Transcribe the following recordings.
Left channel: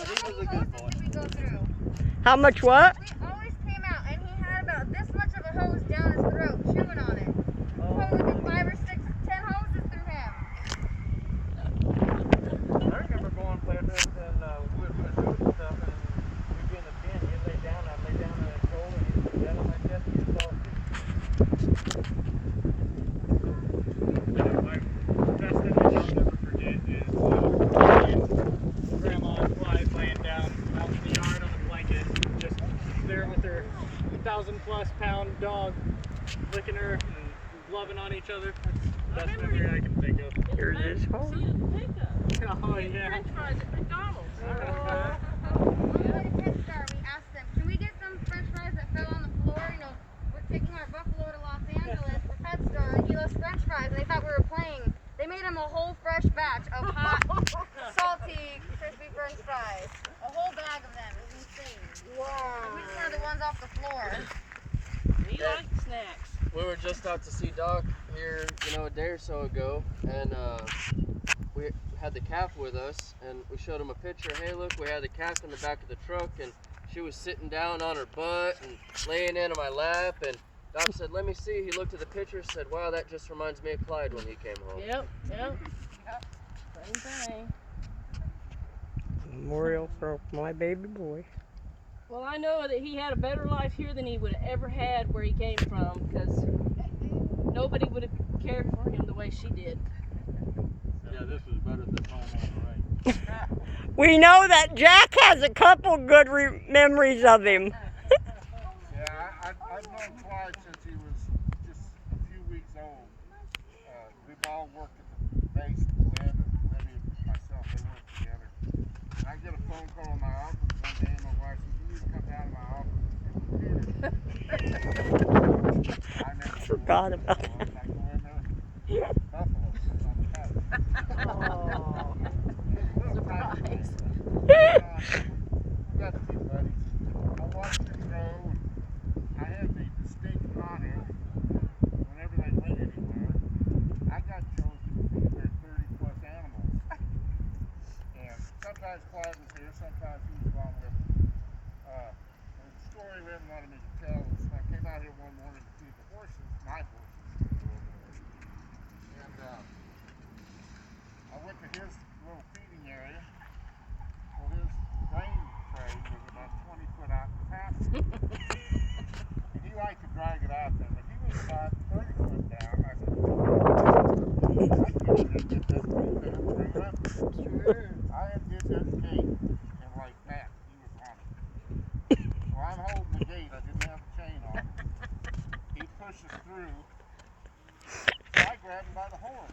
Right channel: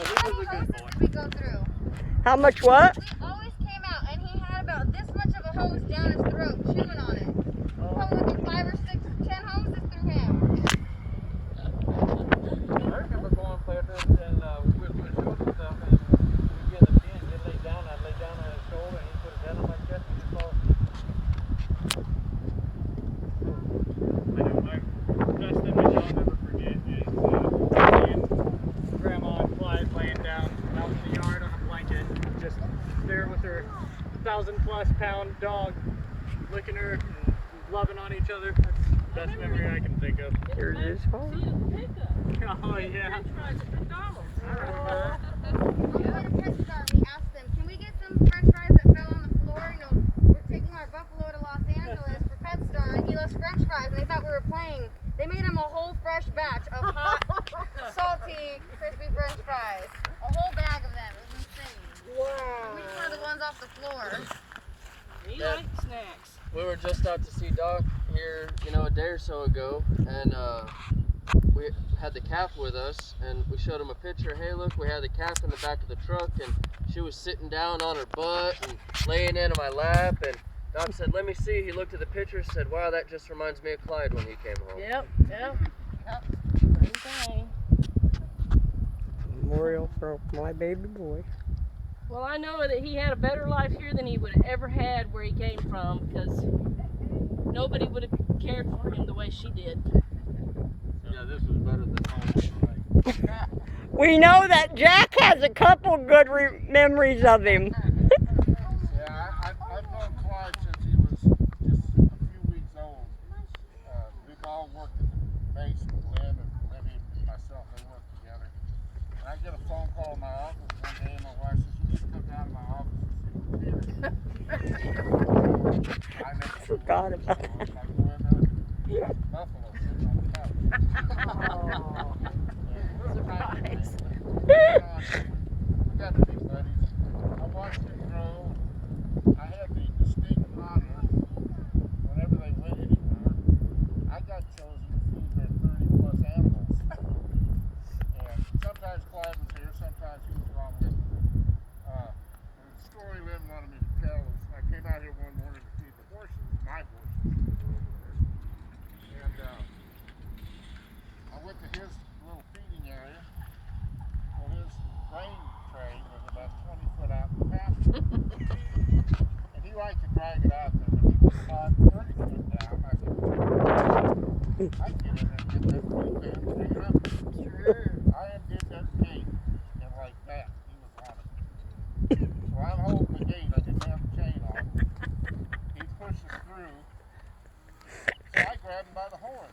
But he was a good boy. We go through. How much what? We always came out, and he had about this much of a hose down his throat, chewing on it. Probably like 5 or 6 or 10 hoses through him. I remember going places and we were doing shows and stuff, and he'd be in the pen, he'd lay down, I'd lay down on his shoulder, and he'd put his head on my chest, and he'd fall asleep. The best thing I'll never forget is Grandma and Clyde laying down out in the yard on a blanket, just there with her 1,000+ pound dog, licking her and loving on each other. That's the best memory I can think of. Here's his home. Oh, yeah. We had a press car, we asked them, can we get some french fries that fell on the floor? You know, we're taking our buffalo to Los Angeles for Pet Store, and he loves french fries, and they thought we were playing. They made him a whole fresh batch of hot, salty, crispy french fries. A whole bag of them. It was insane. Wow. And we just wanted the ones off the floor. He liked snacks. We were just out to see Doc here, a day or so ago, and we had the calf with us, and we showed him a picture. Hey, look, we had the calf in the back of the truck, and she was sitting down on her butt and laying into my lap, and Doc said, "Let me see." He looked at the picture, said, "Wow, that just reminds me of Clyde when he came home." Yep. Same thing. Memorial for my baby boy. Well, I know that he had a better life here than he would have ever had where he came from, because nobody would have cared for him the way she did. Yeah, this was better than mine, right? We know that Jack has a couple good memories of him. Yeah, I've known Clyde since he was just a few weeks old. We've all worked at the base, Lynn and Libby and myself, they worked together. And I get a phone call in my office one day, and my wife says, "You need to come down to my office and see Peter." I never Forgot about it. I go in there, buffalo sitting on the couch. We got to be buddies. I watched him grow. I had the distinct honor whenever they went anywhere. I got chosen to feed their 30+ animals. And sometimes Clyde was here, sometimes he was along with me. The story Lynn wanted me to tell is I came out here one morning to feed the horses, my horses. And I went to his little feeding area. Well, his grain tray was about 20 foot out in the pasture. And he liked to drag it out there, but he was about 30 foot down. I said, I'd get in there and get that feed down and bring it up. I undid that gate, and like that, he was on it. So I'm holding the gate, I didn't have the chain on. He pushes through, so I grab him by the horn.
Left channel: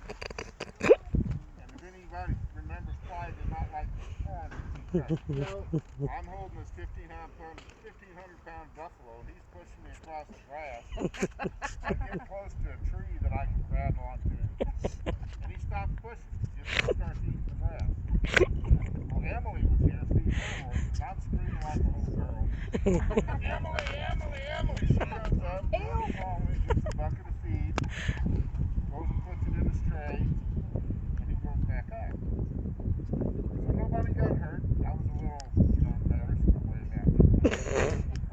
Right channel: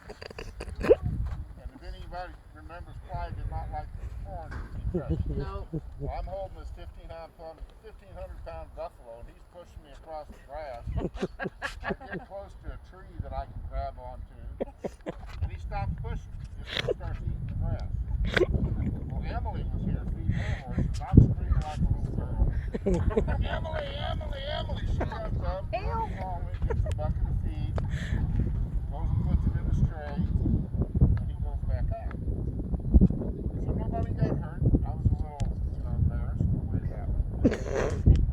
And if anybody remembers, Clyde did not like the horn to be touched. No. Well, I'm holding this 1,500-pound buffalo, and he's pushing me across the grass. I get close to a tree that I can grab onto, and he stops pushing. He starts eating the grass. Well, Emily was here feeding her horses. I'm screaming like a little girl. Emily, Emily, Emily! She comes up, runs along me, gets a bucket of feed, goes and puts it in his tray, and he goes back up. So nobody got hurt. I was a little, embarrassed the way it happened.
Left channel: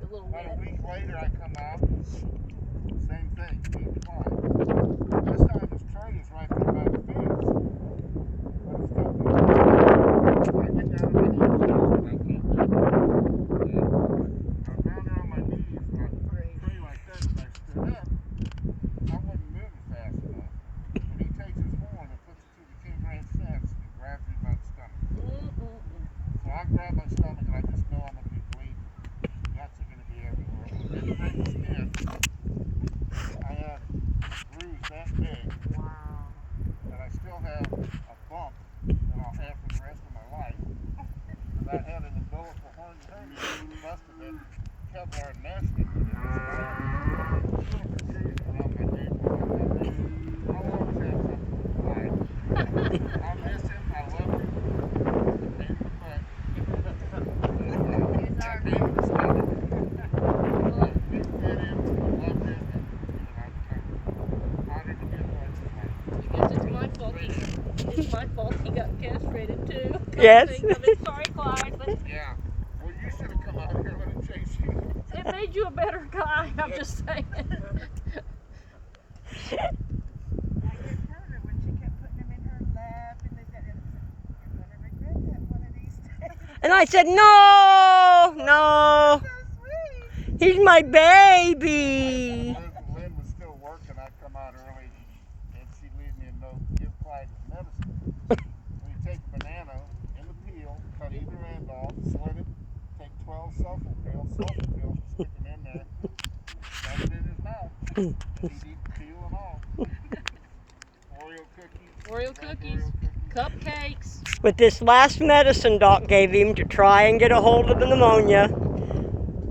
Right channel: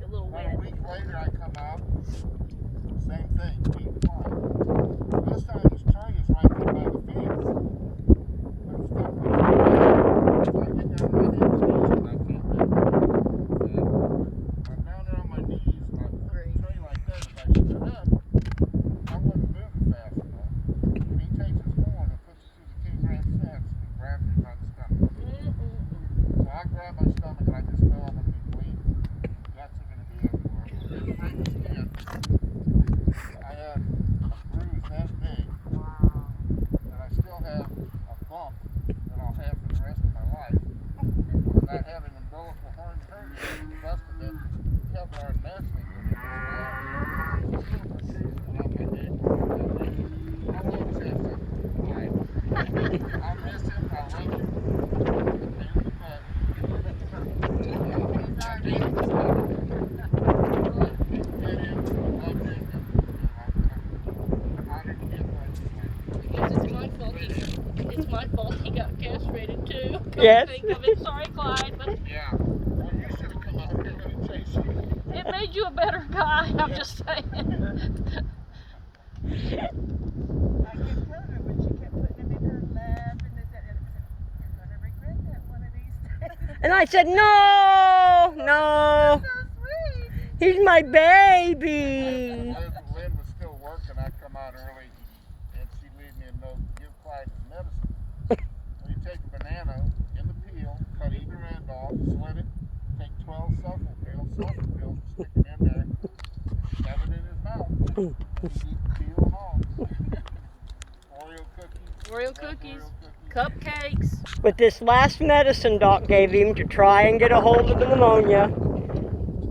A little About a bit. week later, I come out, same thing, feeding Clyde. This time his tray is right there by the fence, but it's got the I get down on my knees, and I can't grab it. I'm down there on my knees, and I put the tray like that. If I stood up, I wasn't moving fast enough. And he takes his horn and puts it through the King Ranch fence and grabs me by the stomach. So I grab my stomach, and I just know I'm going to be bleeding. Guts are going to be everywhere. Well, didn't break the skin. I had a bruise that big, and I still have a bump that I'll have for the rest of my life. And I had an umbilical hernia busted that Kevlar mesh they put in this lab. Around my ankle. I'll always have something to hide. I'll miss him. I love him. Pain in the butt. It's my fault he got castrated too. Yes. Think of it. Sorry, Clyde. Yeah. Well, you should have come out here and chased you. It made you a better guy, I'm just saying. I kept telling her when she kept putting him in her lap and this, that, and you're gonna regret that one of these days. And I said, no, no, So sweet. he's my baby. Lynn was still working. I'd come out early and she'd leave me a note, give Clyde his medicine. Well, you take a banana in the peel, cut either end off, slit it, take 12 sulfur pills, stick them in there, shove it in his mouth, and he'd eat the peel and all. Oreo cookies. Oreo cookies. Cupcakes. With this last medicine Doc gave him to try and get a hold of the pneumonia,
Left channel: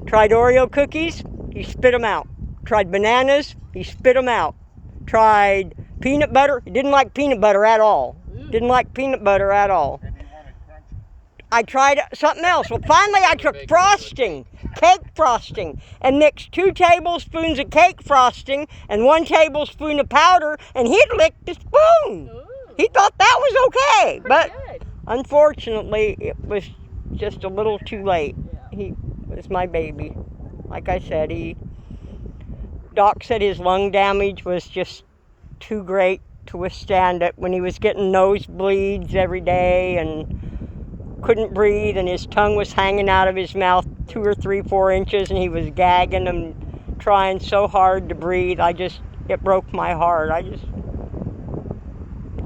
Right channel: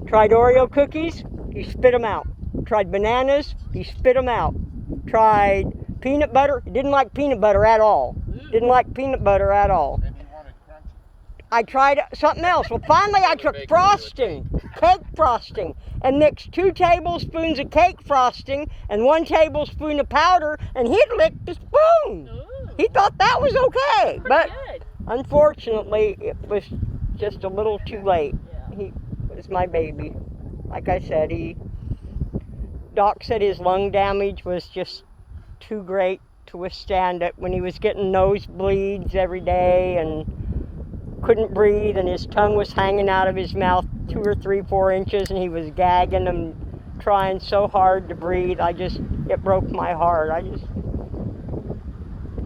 tried Oreo cookies, he spit them out. Tried bananas, he spit them out. Tried peanut butter, he didn't like peanut butter at all. Didn't like peanut butter at all. And he wanted crunchy. I tried something else. Well, finally I took frosting, cake frosting, and mixed 2 tablespoons of cake frosting and 1 tablespoon of powder, and he'd licked the spoon. Ooh, He thought that was okay, but good. unfortunately it was just a little too late. Yeah. He was my baby. Like I said, Doc said his lung damage was just too great to withstand it when he was getting nosebleeds every day and couldn't breathe, and his tongue was hanging out of his mouth 2 or 3, 4 inches, and he was gagging and trying so hard to breathe. It broke my heart.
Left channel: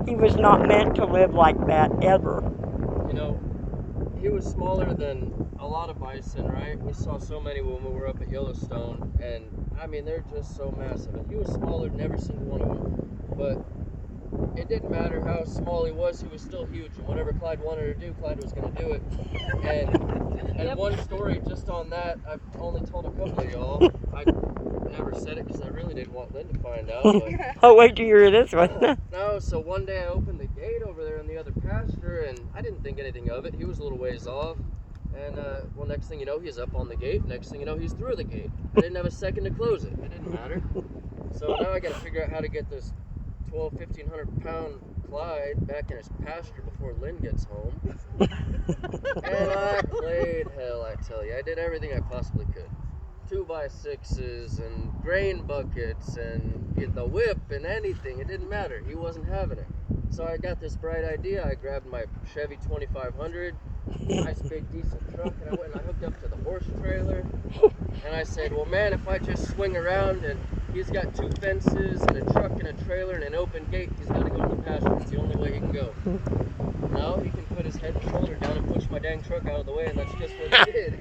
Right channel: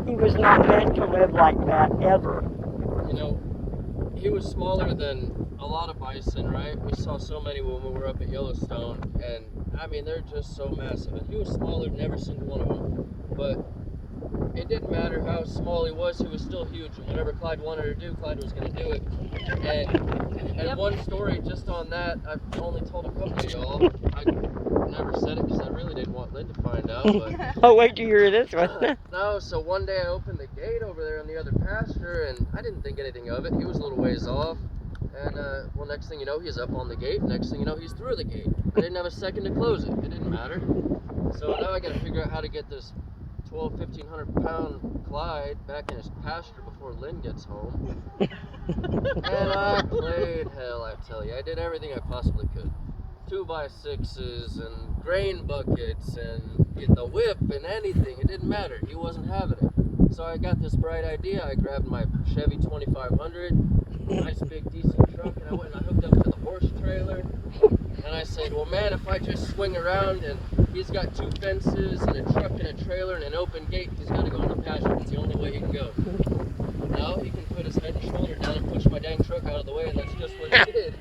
He was not meant to live like that ever. You know, he was smaller than a lot of bison, right? We saw so many when we were up at Yellowstone, and I mean, they're just so massive. And he was smaller than every single one of them. But it didn't matter how small he was still huge. And whatever Clyde wanted to do, Clyde was going to do it. And one story just on that, I've only told a couple of y'all. I never said it because I really didn't want Lynn to find out. But Oh, wait till you hear this one. no, so one day I opened the gate over there in the other pasture, and I didn't think anything of it. He was a little ways off. And, well, next thing you know, he's up on the gate. Next thing you know, he's through the gate. I didn't have a second to close it. It didn't matter. So now I got to figure out how to get this 1,500 pound Clyde back in his pasture before Lynn gets home. And I played hell, I tell you. I did everything I possibly could. 2x6s and grain buckets and the whip and anything. It didn't matter. He wasn't having it. So I got this bright idea. I grabbed my Chevy 2500, nice big decent truck, and I went and I hooked up to the horse trailer. And I said, well, man, if I just swing around and he's got 2 fences and a truck and a trailer and an open gate, he's got to go in the pasture. It's the only way he can go. Now he can put his head and shoulder down and push my dang truck out of the way, and that's just what he did.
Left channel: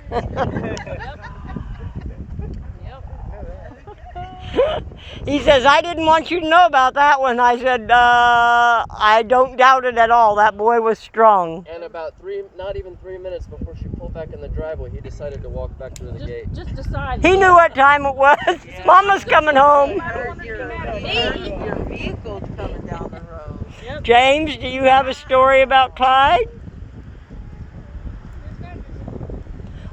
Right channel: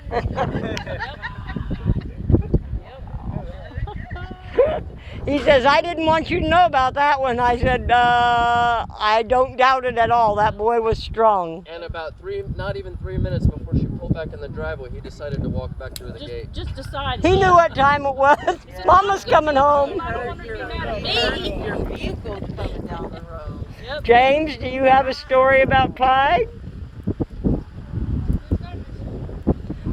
He says, I didn't want you to know about that one. I said, I don't doubt it at all. That boy was strong. And about not even 3 minutes before she pulled back in the driveway, he decided to walk back through the gate. Just decide. He knew what time it was. Mama's coming home. I don't want her to get mad at me. Your vehicle's coming down the road. Yep. James, do you have a story about Clyde?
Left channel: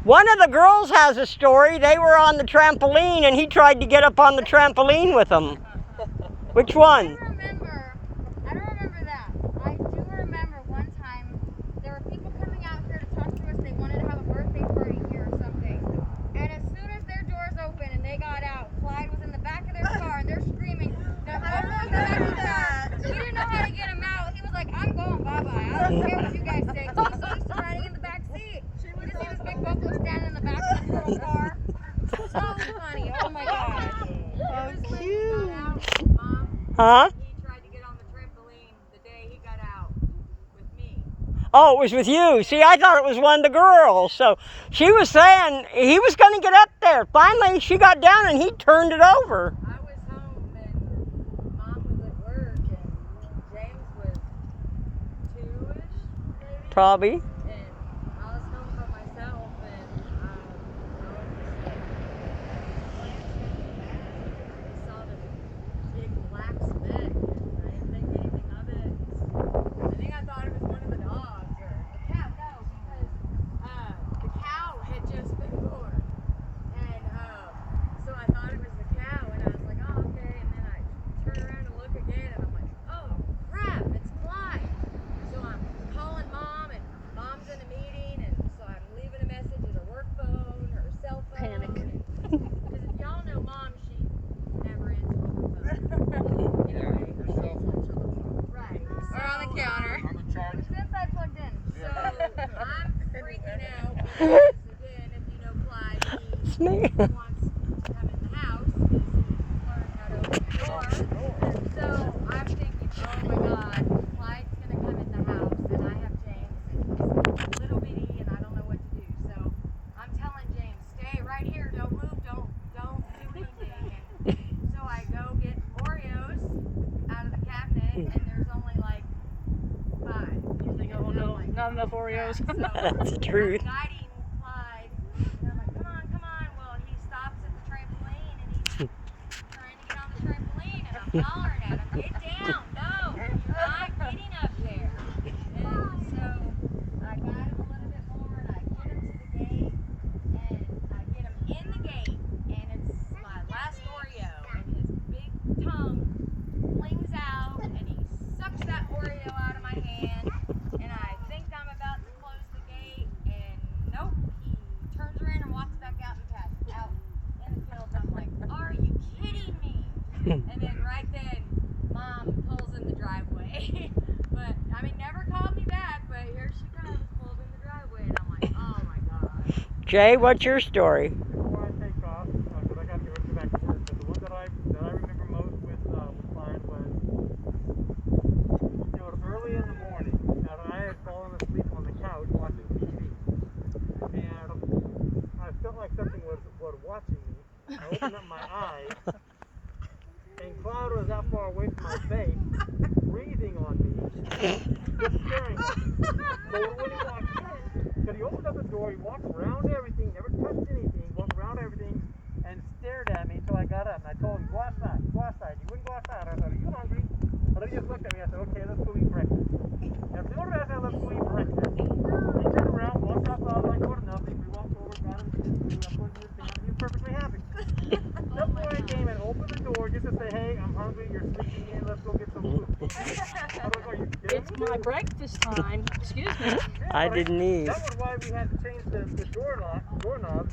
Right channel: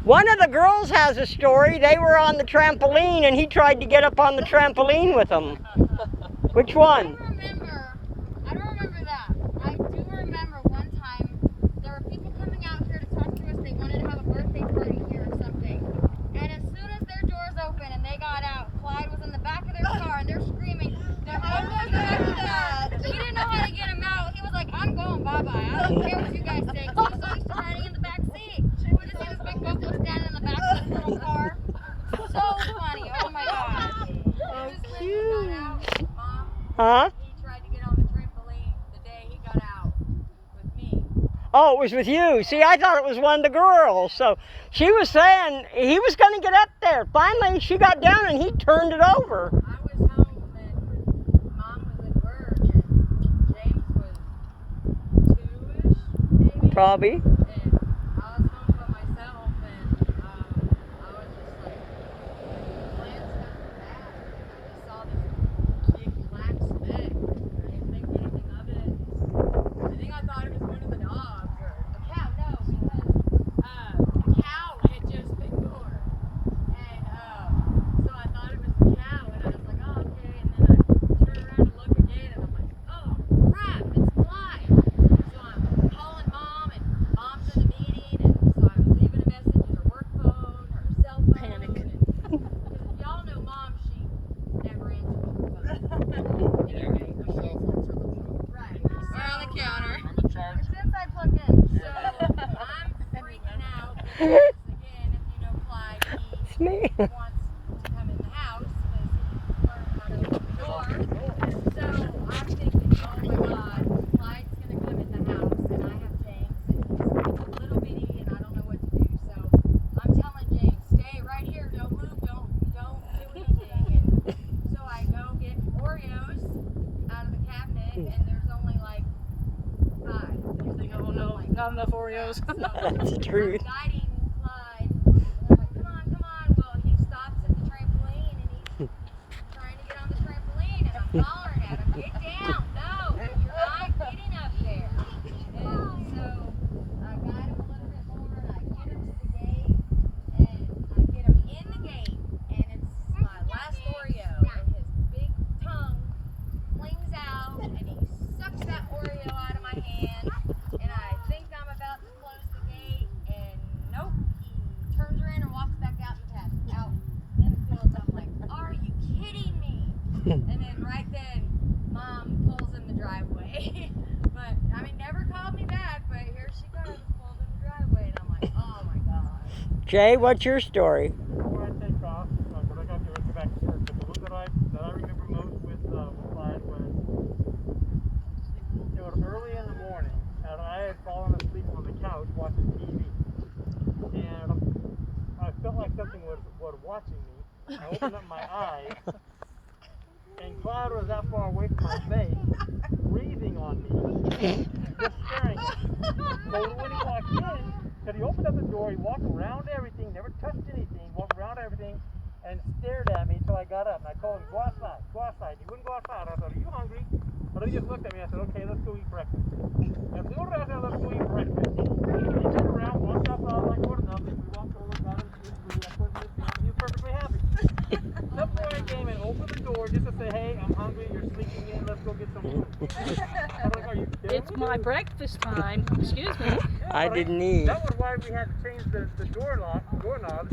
One of the girls has a story. They were on the trampoline and he tried to get up on the trampoline with them. Which one? I don't remember that. I do remember one time there were people coming out here to talk to us. They wanted to have a birthday party here or something. And as soon as their doors opened and they got out, Clyde was in the back of their car and they're screaming. Now, one was in the back of the car. He didn't know how to get him out. He was like, I'm going bye-bye. I don't care what you guys say. He was so used to riding in the back seat. You just see this big buffalo standing in the back of this little car. So funny. Oh my gosh. So cute. Huh? He tried to get on the trampoline the day he got out with me. Oh, it was with you. See, I thought it was one of the girls. So she was saying he was going to get up there. Finally, she got down and he turned it over. I was home and Mom was at work and James was 2-ish maybe. Probably. And I was home by myself and I was just like glancing at I saw this big black speck. I didn't think anything of it. I think I thought it was one of the dogs or the cow. No, because the cow had just been born. And so I thought it was the cow and I was like, oh, okay. And then I turned around to look again and I'm like, oh crap, it's Clyde. So I'm calling Mom and Mom if you know Clyde, It's he me. wants to come in the house because learn how to open the door. So I'm thinking, oh my God, Clyde's gonna come in the house, and I have James, and he's little bitty, and I don't know what to do. So I'm telling James, stay right here, don't move, don't do anything. And so I go get Oreos out of the cabinet, and there's only like 5. Not enough Oreos. So That's the truth. I'm guiding Clyde, and I'm like, come on. Well, he stops at the trampoline, and he's trying to get on the trampoline, and I'm hollering at him, get down, no, you're not getting up there. And so I guide him a little bit more, and I get him to the gate, and I get him in the gate, and it's my last Oreo, and his big tongue flings out, and he sucks that Oreo out of my hand, and I think I'm about to close the gate, and nope, he turns around and walks back out in the field. I'm like, are you kidding me? And then right then, Mom pulls in the driveway. But, I mean, never called me back, but here she comes, pulled in the driveway, and I'm like, oh my God. Jay, what's your story? Before I take off, because I got to get back to work, but the one that I remember most with Clyde was, it was early in the morning, and I had fallen asleep on the couch watching TV, and I felt like something was watching me. I opened up my eyes, and Clyde was that far away from my face, breathing on me, just staring at me. So when he walked in, because he opened up the door, he walked around everything, never touched anything, walked around everything, and stared at me until I got up. And I told him, go outside, go outside. He wouldn't go outside. I said, are you hungry? But he just looked at me. I said, okay, let's go eat breakfast. And as soon as I said, let's go eat breakfast, he turned around, walked outside, like, what nothing. We walked over, got him some food, I put him in his hand, he was perfectly happy. Some boy came and opened the door just to say, hey, I'm hungry, you're sleeping in, let's go get some food. I was like, are you kidding It's me? my breakfast time. Excuse me. I didn't eat. That was why we had to change the doorknob,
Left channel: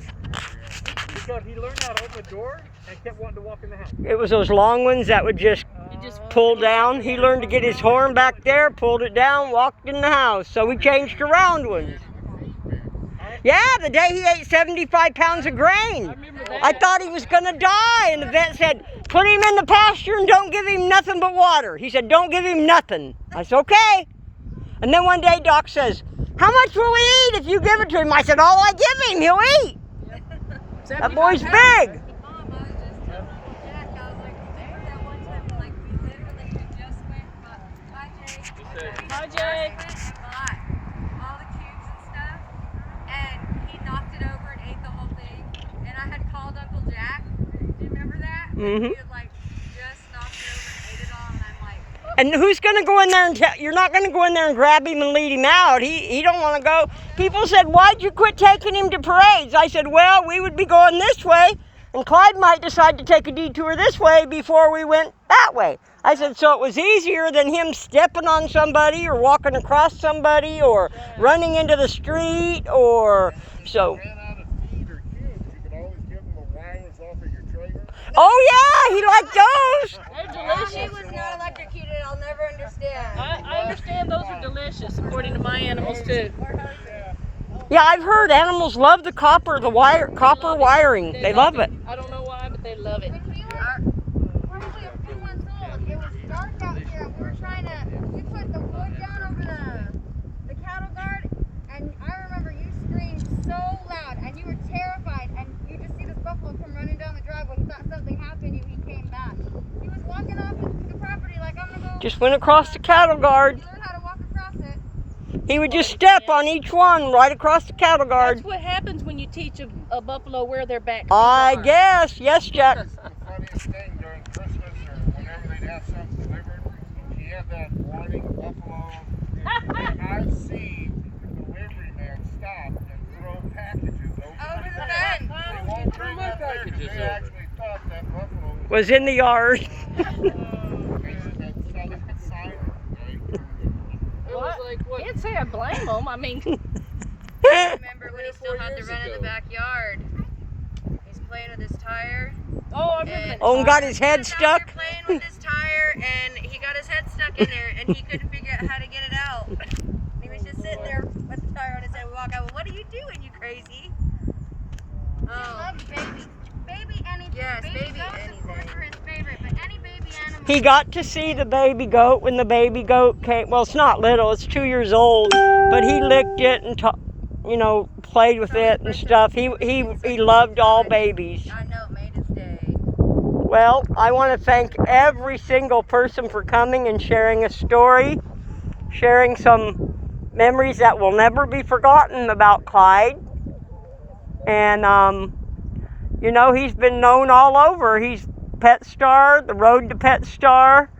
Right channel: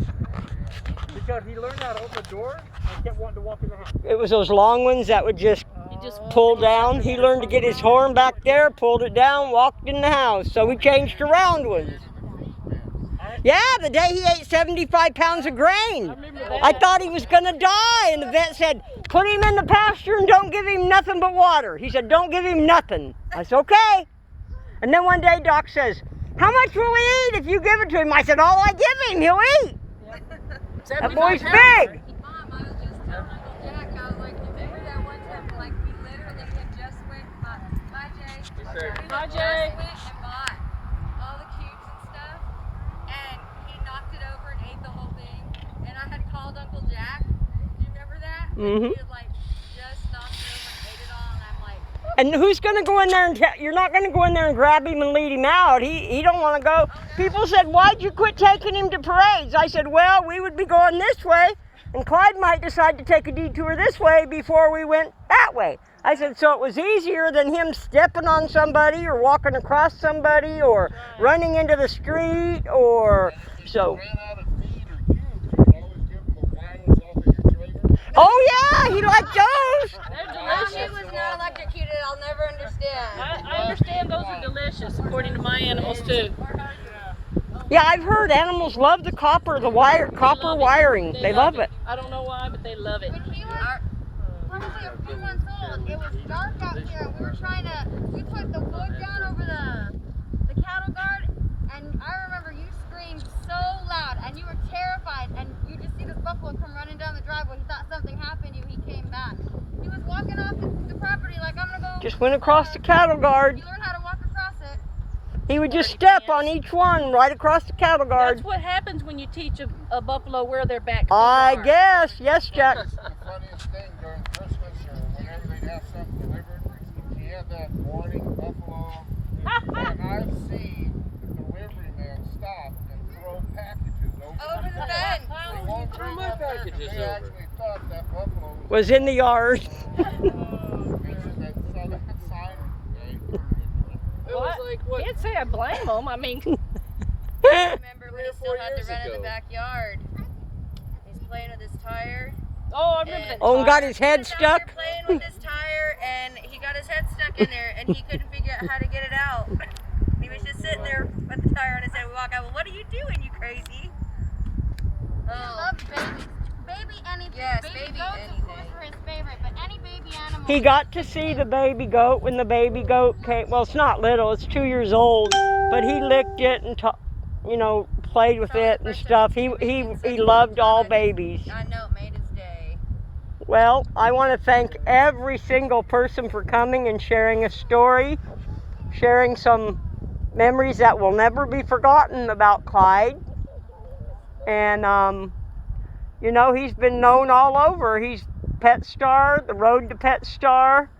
because he learned how to open the door and kept wanting to walk in the house. It was those long ones that would just You just pull down. He learned to get his horn back there, pulled it down, walked in the house. So we changed to round ones. Yeah, the day he ate 75 pounds of grain. I thought he was going to die, and the vet said, put him in the pasture and don't give him nothing but water. He said, don't give him nothing. I said, okay. And then one day Doc says, how much will he eat if you give it to him? I said, all I give him, he'll eat. That boy's big. Mom, I was just telling Uncle Jack, I was like, remember that one time, like, we literally had just went and bought, bye Jay. We Bye, just Jay. went and bought all the cubes and stuff, and he knocked it over and ate the whole thing, and I had called Uncle Jack. Do you remember that? Mhm. He had, like, just knocked it over and ate it all, and I'm like, And who's going to go in there and you're not going to go in there and grab him and lead him out. He don't want to go. People said, why'd you quit taking him to parades? I said, well, we would be going this way, and Clyde might decide to take a detour this way before we went that way. I said, so it was easier than him stepping on somebody or walking across somebody or running into the street or so. Ran out of feed or cubes, you could always give them the violets off of your trailer. Oh, yeah, he liked those. They're she delicious. was not electrocuted, I'll never understand. I understand those are delicious, according to my animals too. Yeah, I've heard animals love the copper wiring. They love it. I don't know why, but they love it. When he was probably a few months old, it was dark out here, and we were we put the wood down over the cattle guard, and I remember you screamed so loud, and you were terrified, and you just see this buffalo come running down the driveway. He thought something happened to you, he came back. He was walking off the property like, I'm gonna go. Just went across the cattle guard. You learned how to walk across it. He would just step on each one right across the cattle guard. That's what happens when you teach a buffalo where their back feet I are. guess. Yes, Jack. The funniest thing during Christmas or whenever they'd have something delivered, he had that warning buffalo. And I've seen the delivery man stop and throw packages over Over the fence. They won't bring up there because they actually thought that buffalo Was in the yard. It was like, what? Can't say I blame them. I mean, Remember when he still had to run in the backyard? He's playing with his tire. oh, I remember that. Oh, and got his head He was out stuck. there playing with his tire, and he got his head stuck in there, and he couldn't figure out how to get it out. He was just sitting there put the tire on his head. We walk out. Well, what are you doing, you crazy? He loves babies. Baby goats, of course, were his favorite, but any baby animal. He got to see the baby goat when the baby goat came. Well, it's not little; it's 2 years old. But he licked it and, played with it and stuff. He loved all babies. I know it made his day. Well, I want to thank every single person for coming and sharing a story, sharing some memories that will never be forgotten about Clyde. And he's been known all over. He's Pet Star, the Road to Pet Star,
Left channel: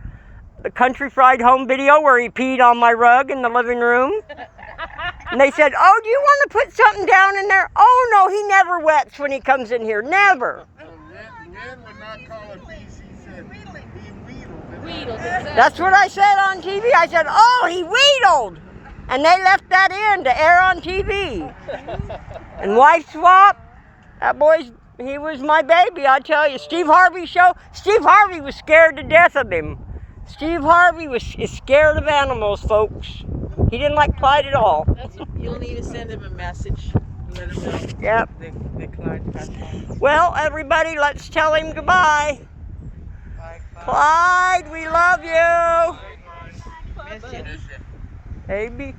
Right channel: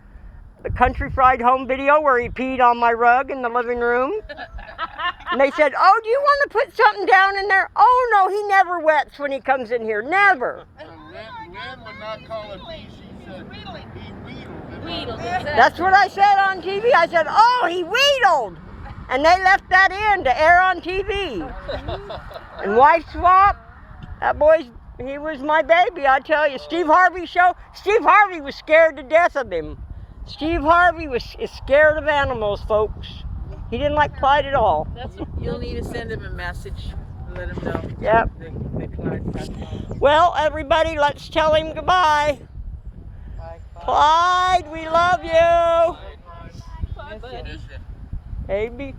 the Country Fried Home video where he peed on my rug in the living room. And they said, "Oh, do you want to put something down in there?" "Oh, no, he never wets when he comes in here. Never." Lynn would not call it pee. She said he wheedled. Wheedled, That's what I said on TV. I said, "Oh, he wheedled." And they left that in to air on TV. And wife swap, that he was my baby, I tell you. Steve Harvey show, Steve Harvey was scared to death of him. Steve Harvey is scared of animals, folks. He didn't like Clyde at all. You'll need to send him a message. Let him know. Yep. The Clyde passed on. Well, everybody, let's tell him goodbye. Bye, bye. Clyde, we love you. Miss you. Baby.